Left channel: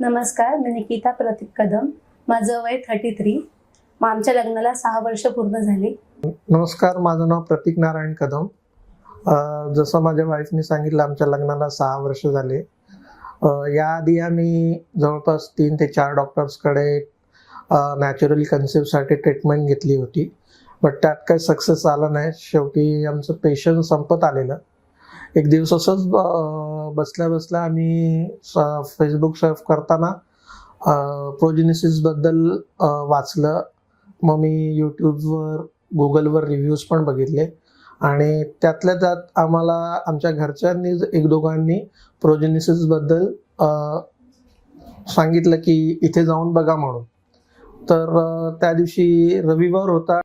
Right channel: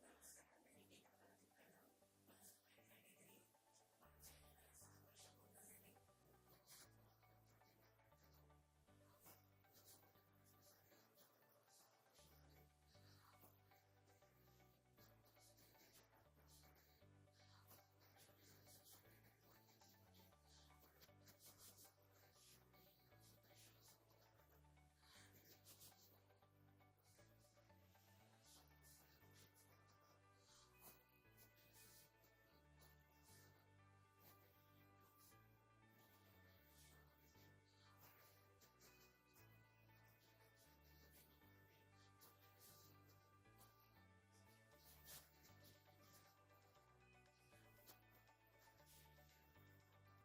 नमस्कार मी निकिता प्रतीक कदम. माझं वय थर्टी थ्री मग आमच्या लग्नाला सहा वर्ष पूर्ण झाली. नमस्कार माझं नाव प्रतीक नारायण कदम. जसं माझ्या वाईफने सांगितलं आमच्या लग्नाला सहा वर्ष झाले. याआधी आम्ही जवळपास तीन ते चार डॉक्टर्सकडे नॅचरल कन्सेप्टसाठी ट्रीटमेंट घेतली होती. बट त्यात काही सक्सेस आला नाही. शेवटी आमचं पेशंट संपत आलेलं. एक दिवस असंच ब- बसल्या बसल्या आम्ही फेसबुक सर्फ करताना प्रोजिनिसिसबद्दल वाचलं. मग मी यूट्यूबवर गुगलवर रिव्ह्यूज पण बघितले. आणि त्यातल्या त्यात आम्हाला आमच्या घरच्यांनी एक दोघांनी प्रोजेनिसिसबद्दल सांगितलं की इथे जाऊन बघा म्हणून. तर त्या दिवशी रविवार होता.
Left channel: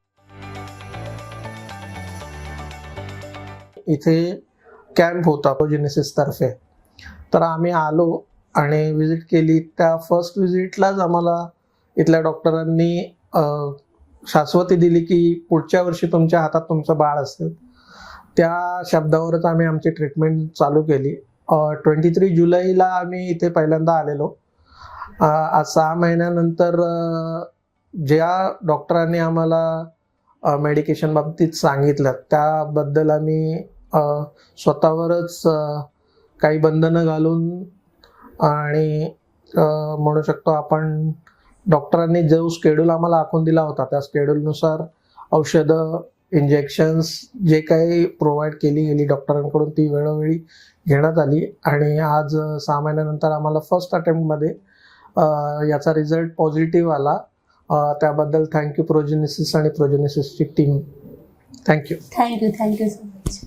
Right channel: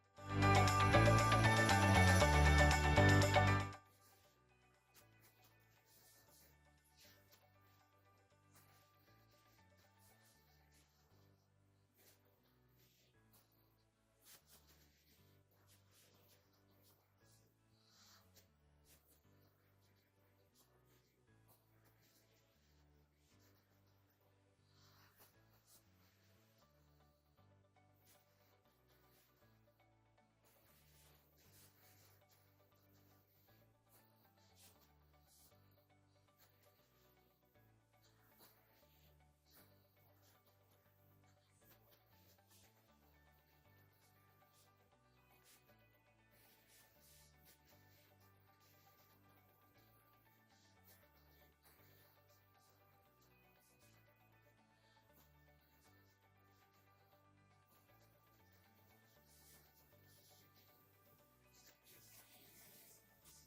इथे कॅम्प होता प्रोजेनिसिस तर्फे. तर आम्ही आलो आणि विजिट केली. त्या फर्स्ट विजिटलाच आम्हाला इथल्या डॉक्टरांनी शाश्वती दिली की पुढच्या वर्षी तुमच्या हातात तुमचं बाळ असेल. त्या शब्दावरच आम्ही आमची ट्रीटमेंट चालू केली. ट्वेंटी थ्री जुलैला आम्ही इथे पहिल्यांदा आलेलो. आज सहा महिन्यानंतर ज्या डॉक्टरांनी आम्हाला मेडिकेशन बाबतीत सांगितलं त्याबद्दल आम्ही स्वतःवरच काही बंधनं घालून आणि म्हणू शकतो आपण डॉक्टरांनी जो स्केड्यूल आम्हाला आखून दिला होता त्या स्केड्यूलनुसार औषधं इंजेक्शन्स जे काही प्रोव्हाइड केली गेली डॉक्टरांकडून ती वेळोवेळी घेण्यात आली आणि आज सहा महिन्यानंतर आम्हाला फर्स्ट अटेम्प्टमध्ये याचा रिझल्ट पॉझिटिव्ह आला. त्याबद्दल थँक्यू प्रोजेनिसिस आणि प्रोजेनिसिसची team thank you thank you thank you so much